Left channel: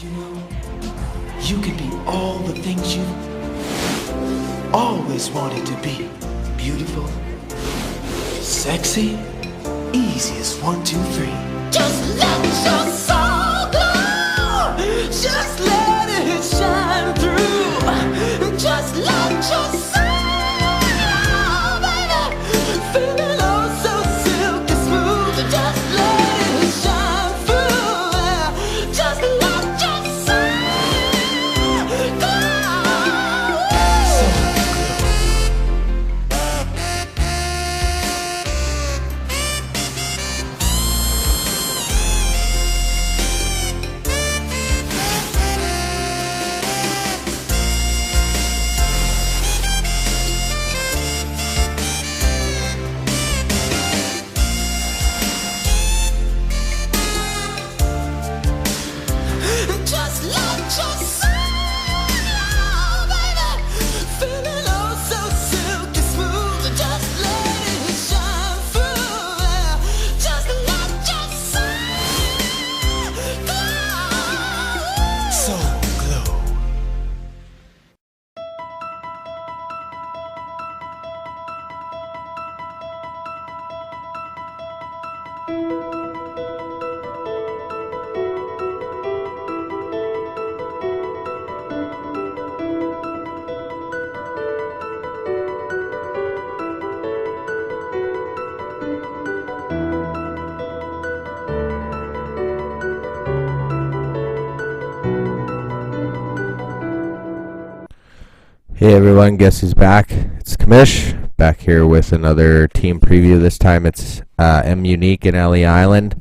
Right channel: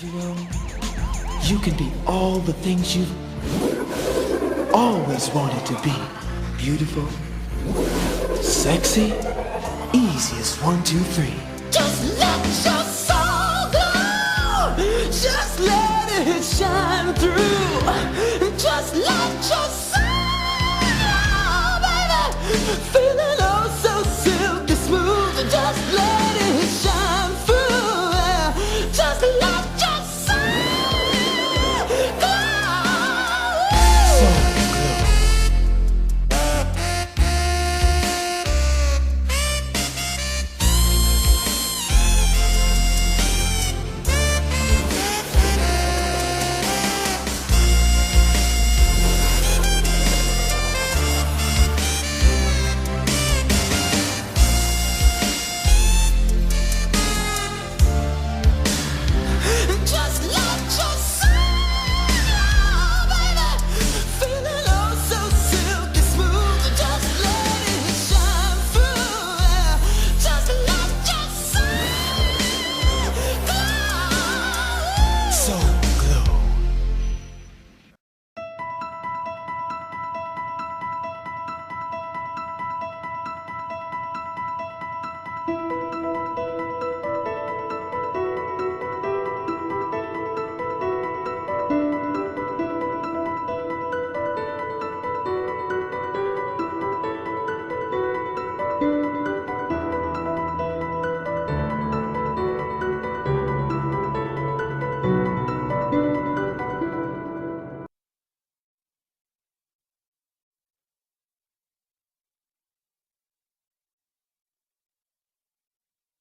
You know, you can be all the things you've always wanted to be. Beautiful, sexy, easy as 1, 2, 3. Just let your soul glow. Just let it shine through. Just let your soul glow, baby. Feeling oh so silky smooth. Just let it shine through. Just let your soul glow. Just let your soul glow, baby. Feeling oh so silky smooth. Just let it shine through. Just let your soul glow. Soul Glow. Hey everyone, guess who's back? It's Kamish, back here with another team preview. This time it's M Unique in Ellie Island.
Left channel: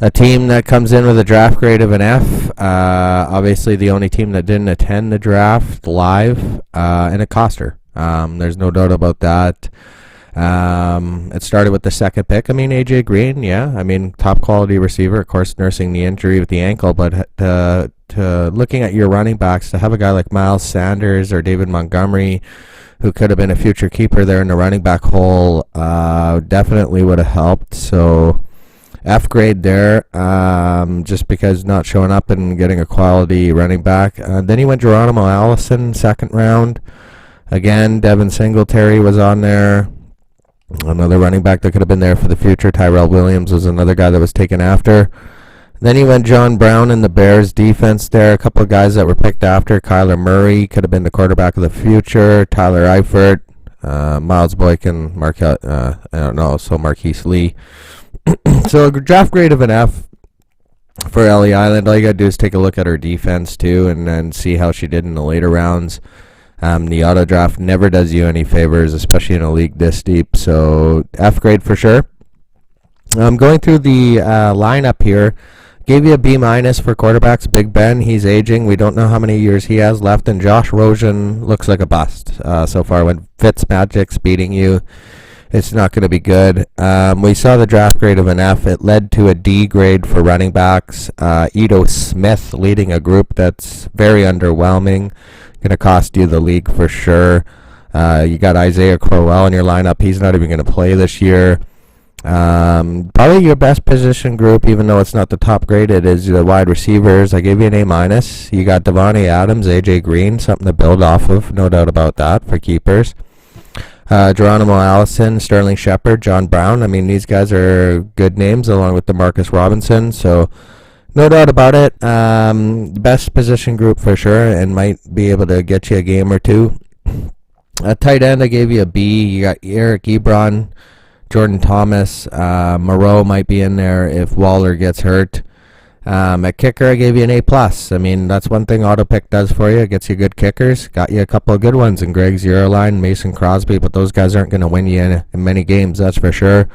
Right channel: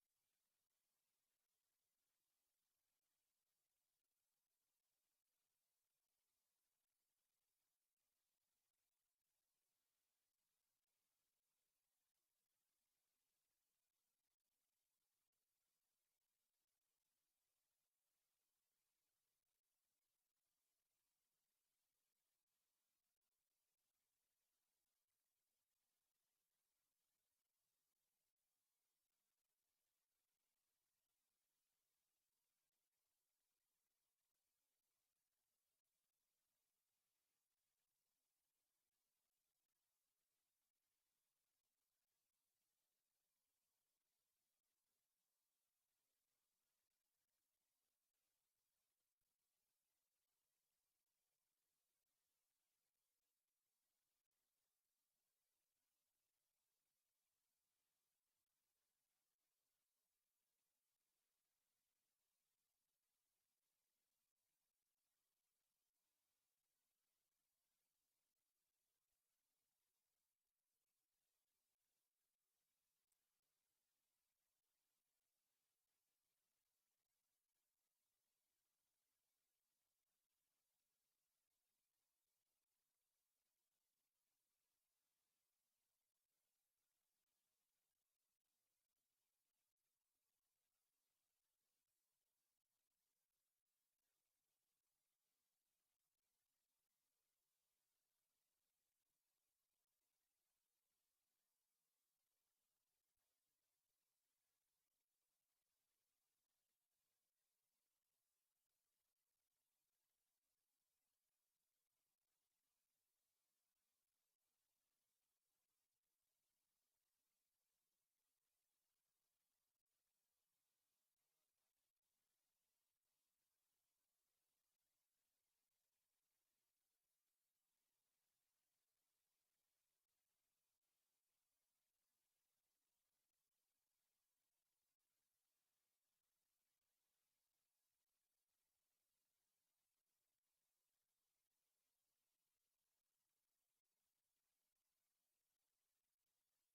A team that comes in with a draft grade of an F. Obviously the only team that didn't attend the draft live, and it cost her. There's no doubt about that. It started with the second pick. I mean, AJ Green, yeah. I mean, top quality receiver, of course, nursing the injury with the ankle, but to looking at your running backs, to have a guy like Miles Sanders or David Montgomery, who could have been a future keeper there in the running back hole, definitely would have helped. So F grade there, just because not showing up and getting a quality running back. Then he went Geronimo Allison, second round. Again, Devin Singletary was on there. Another running back that could have been there for the future. Tyrell Williams was another guy that was taken after. Then he went John Brown in the Bears defense there. A couple of guys that were picked after. Kyler Murray could have been the quarterback of the future. Tyler Eifert, Miles Boykin, so Marquise Lee. So a draft grade of an F for Ellie Island. All you got to do is take a look at her defense too and then see how she did in the later rounds. The auto draft never does you any favors, especially in a league this deep. So F grade for sure. I'm going through the lineup here. Gave you a B- for quarterbacks. Big Ben, he's aging. We don't know how many years he has left. And Josh Rosen looks like a bust so far. When Fitzmagic's beating you, it's not going to be good. We saw the draft grade of an F. It led to a D grade for running backs. Ito Smith leading a group that's very underwhelming. Going to cost you the league for sure. You got Isaiah Crowell in your lineup. He's not even going to play this year. Probably your best position group, even though it's not the top graded, is the wide receivers. I gave you an A-. You got Devontae Adams, AJ Green, something to build off of, no doubt about that, for keepers. Geronimo Allison, Sterling Shepard, John Brown. I mean, these guys are good names along with DeMarcus Robinson, so no doubt about it. Best position group for sure, and might be able to get you a game or two. Tight end, I gave you a B. You got Eric Ebron, Jordan Thomas, Moreau might be in there if Waller gets hurt. At kicker, I gave you an A+. I mean, that's one thing AutoPick does for you. It gets you good kickers. Got you a couple of good ones in Greg Zuerlein, Mason Crosby, but those guys aren't going to win you in many games, that's for sure.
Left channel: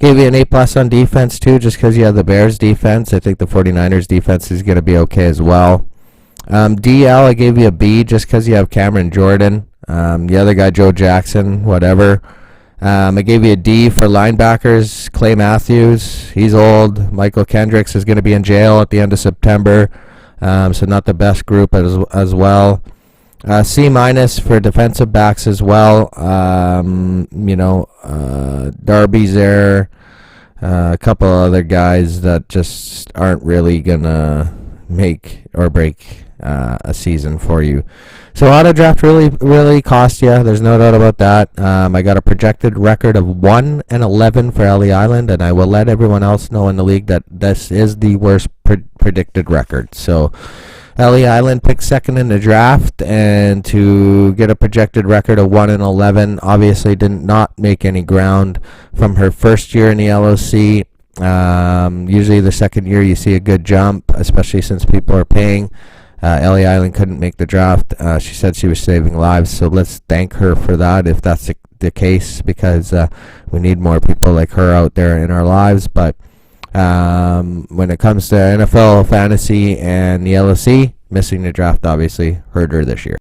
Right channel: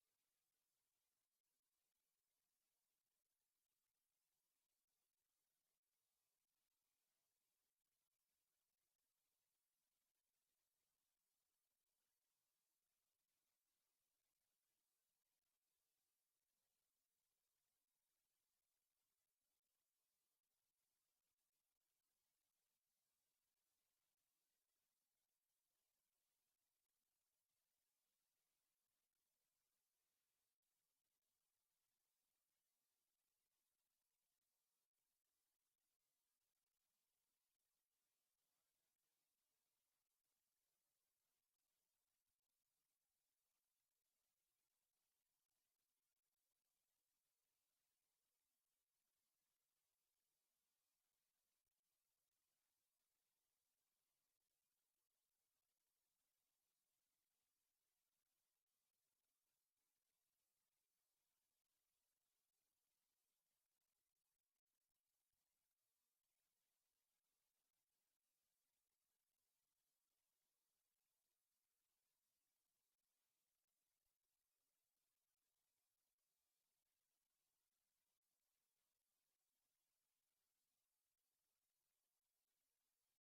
Gave you an A+ on defense, too, just because you have the Bears defense. I think the 49ers defense is going to be okay as well. DL, I gave you a B just because you have Cameron Jordan. The other guy, Joe Jackson, whatever. I gave you a D for linebackers. Clay Matthews, he's old. Michael Kendricks is going to be in jail at the end of September, so not the best group as well. C- for defensive backs as well. Darby's there. A couple other guys that just aren't really going to make or break a season for you. So auto draft really cost you. There's no doubt about that. I got a projected record of 1-11 for Ellie Island, and I will let everyone else know in the league that this is the worst predicted record. So Ellie Island picked second in the draft, and to get a projected record of 1-11, obviously did not make any ground from her first year in the LOC. Usually the second year you see a good jump, especially since people are paying. Ellie Island couldn't make the draft. She said she was saving lives, so let's thank her for that if that's the case, because we need more people like her out there in our lives. But when it comes to NFL fantasy and the LOC, missing the draft obviously hurt her this year.